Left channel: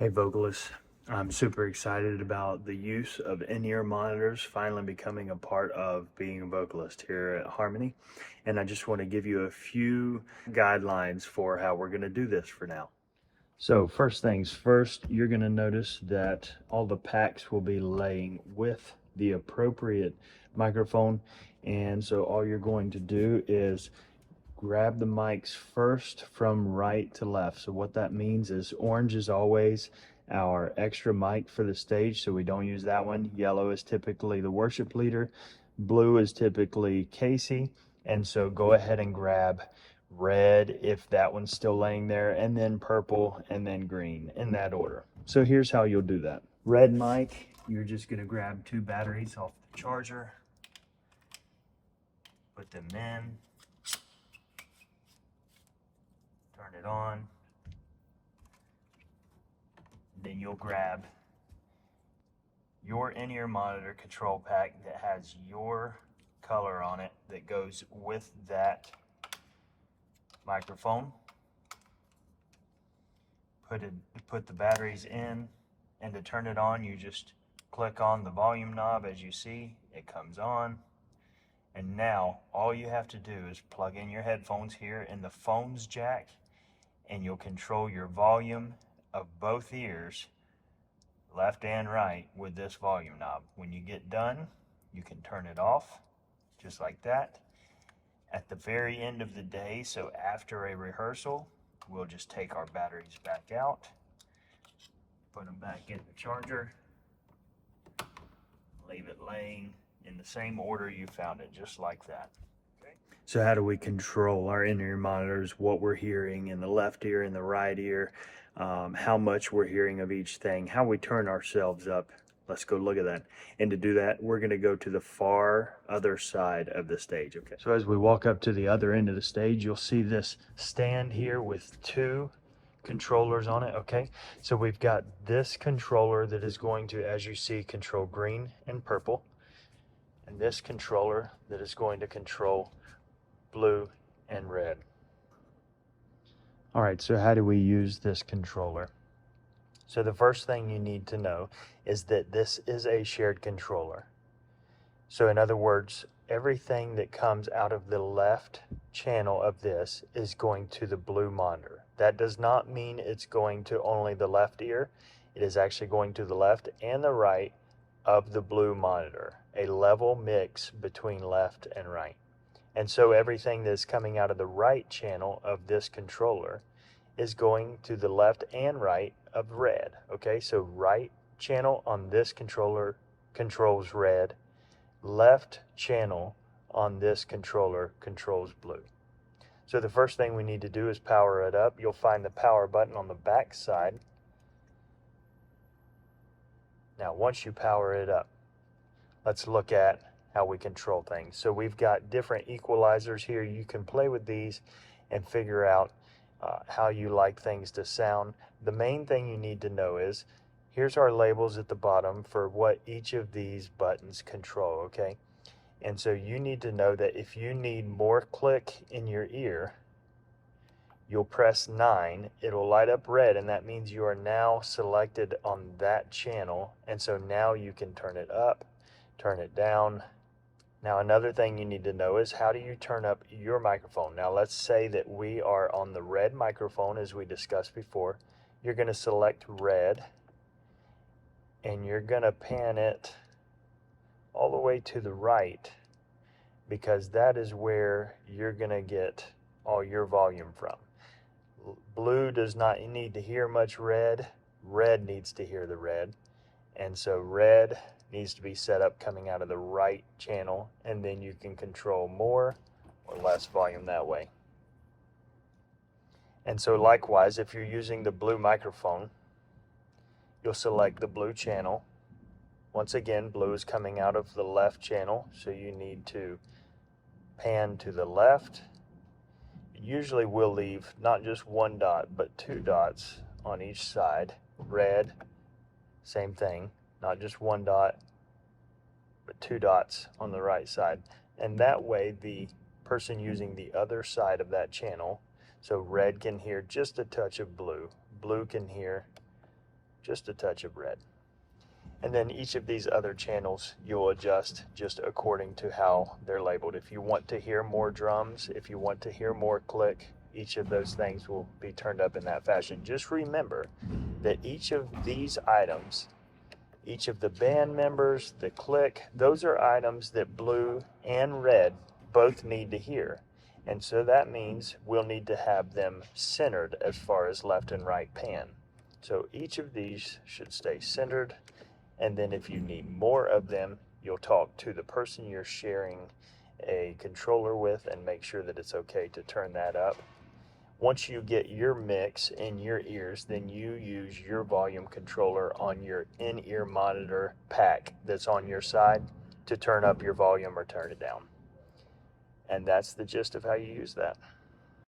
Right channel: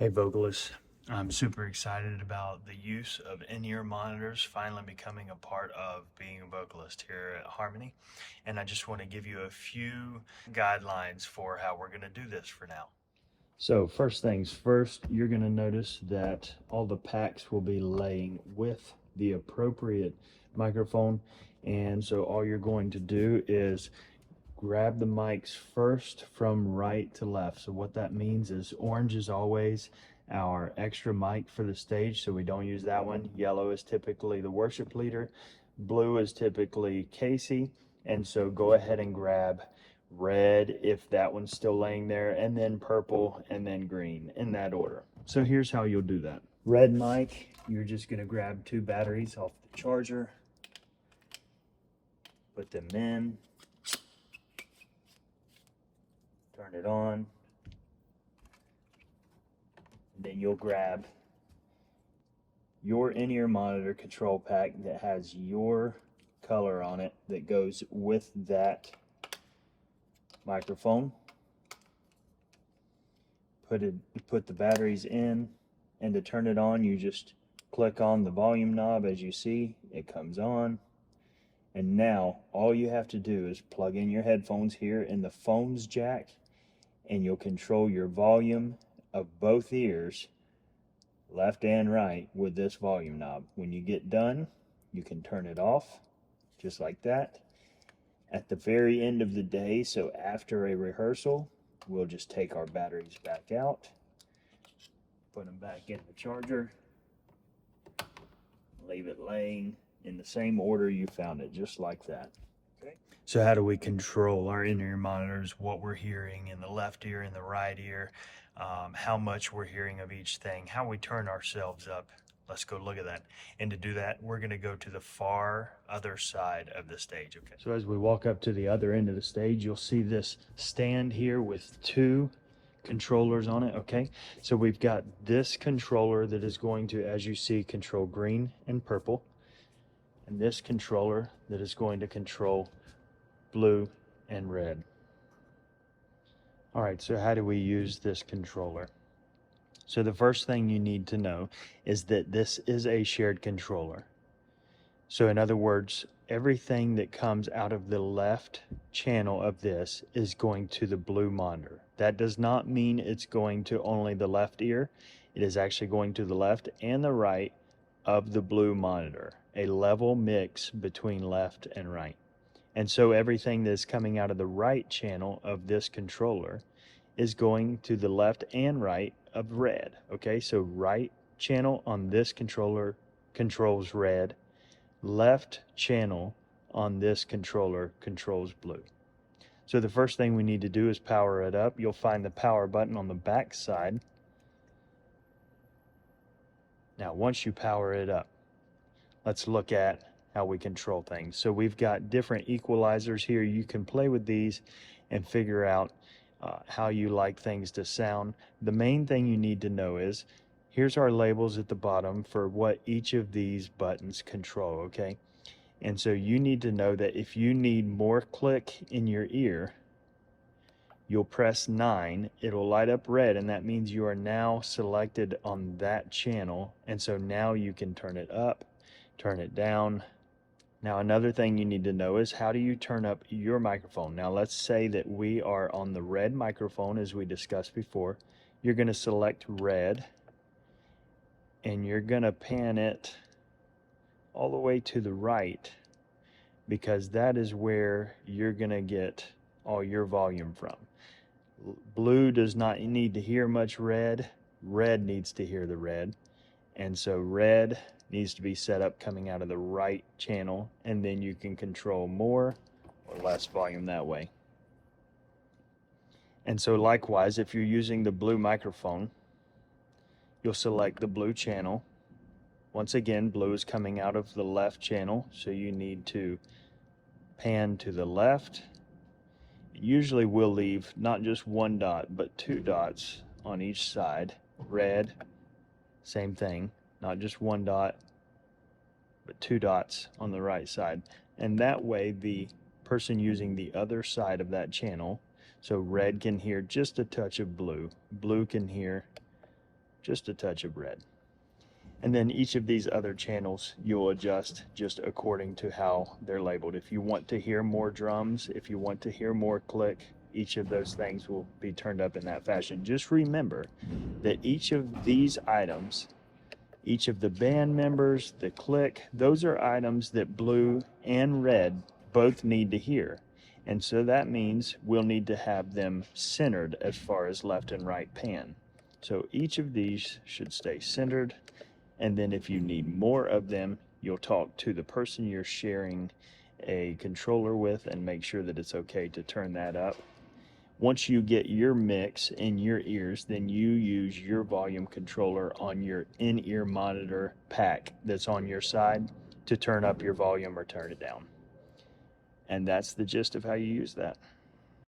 Hey vocalists, I'm super excited about the use of in-ear monitors finally becoming a part of being a vocalist here at Harmony. And I just want to give you a few guidelines for how we're going to do this for now. So first things first, you're going to notice that all the packs will be laying with the appropriate microphone. And so all you're going to do is grab the mics first from right to left. So what that means is orange is always our extra mic for the stage, so we don't use that one. Yellow is typically the worship leader. Blue is typically Casey. And so go ahead and grab red if that one's still laying there, and then purple, and then green, in that order. So here's how you'll do that. Red mic, you're just gonna grab 2 batteries off the charger, put them in, turn it on, and then you'll grab your in-ear monitor control pack that has your color on it that goes with that microphone. Put the batteries in, and to turn it on, you just click on the volume knob. As you see, it comes on. And now all you have to do is plug in your headphones here in the phone's jack, and you'll control your volume of both ears, left and right, with this volume knob. When you get done, you can turn it off just like that. At the very end of the day, so after a rehearsal, we'll just take our batteries back out, put them back in the charger, leave it laying in the same order you found it, just like that. Okay. So how do we control our in-ear monitors, what we're hearing in the left ear and the right ear, how much we're hearing of each thing, how we turn ourselves up? Let's go look at that. And to do that, we're going to go to the far other side of the stage. Okay. So as we walk up to the other end of the stage, you'll see this stand here with 2 controllers on it. Okay. So we've got this controller that is going to, as you see, control green and purple. And this controller that is going to control blue and red. All right, so how do we use this controller? So the first thing you need to know is that this is a shared controller. So in other words, everything that comes out of the left channel of this is going to the blue monitor. That does not mean it's going to only the left ear. It is actually going to the left and the right of the blue monitor, a level mix between left and right. And so everything that's coming out of the right channel of this controller is going to the left and right of red. Okay, so right channel on this controller controls red, left channel on this controller controls blue. So the first thing we need to do is power it up. You'll find the power button on the back side. Now once you power it up, let's look at how we control things. So we've got different equalizers here. You can play with these and figure out how you like things to sound. The main thing you need to know is, here's our labels at the bottom for what each of these buttons control, okay? And so you need to know that if you need more click in your ear, you'll press 9, it'll light up red, and that means you are now selected on that channel. And so now you can turn it up, turn it down. Now another thing you need to know is, how do you turn up your microphone? Now let's say that we are on the red microphone as we discussed before. You're going to select red, and you're going to pan it all the way to the right, because that is where you're going to get all your volume from. Blue does not need to hear much red. Red needs to hear the red. And so red needs to be set up coming out of the right channel, and then you can control more or less volume that way. And so likewise, if you're using the blue microphone, you'll select the blue channel. Once again, blue is coming out of the left channel, so you need to pan to the left. Usually we'll leave not just 1 dot, but 2 dots on each side. Red, same thing, not just 1 dot, but 2 dots on the right side. And that way the person using the other side of that channel, so red can hear just a touch of blue, blue can hear just a touch of red. And then each of these other channels you'll adjust just according to how they're labeled. If you want to hear more drums, if you want to hear more click, each of those things will be turned up in that fashion. Just remember that each of these items, each of the band members, the click, those are items that blue and red both need to hear. And so that means we'll need to have them centered as far as left and right pan. So each of these should stay centered. And then if you need more of them, you'll talk to the person you're sharing a controller with and make sure that it's okay to turn that up. Once you get your mix in your ears, then you use your volume controller on your in-ear monitor pack that's on your side to turn up your volume or turn it down. And that's the gist of how you use that.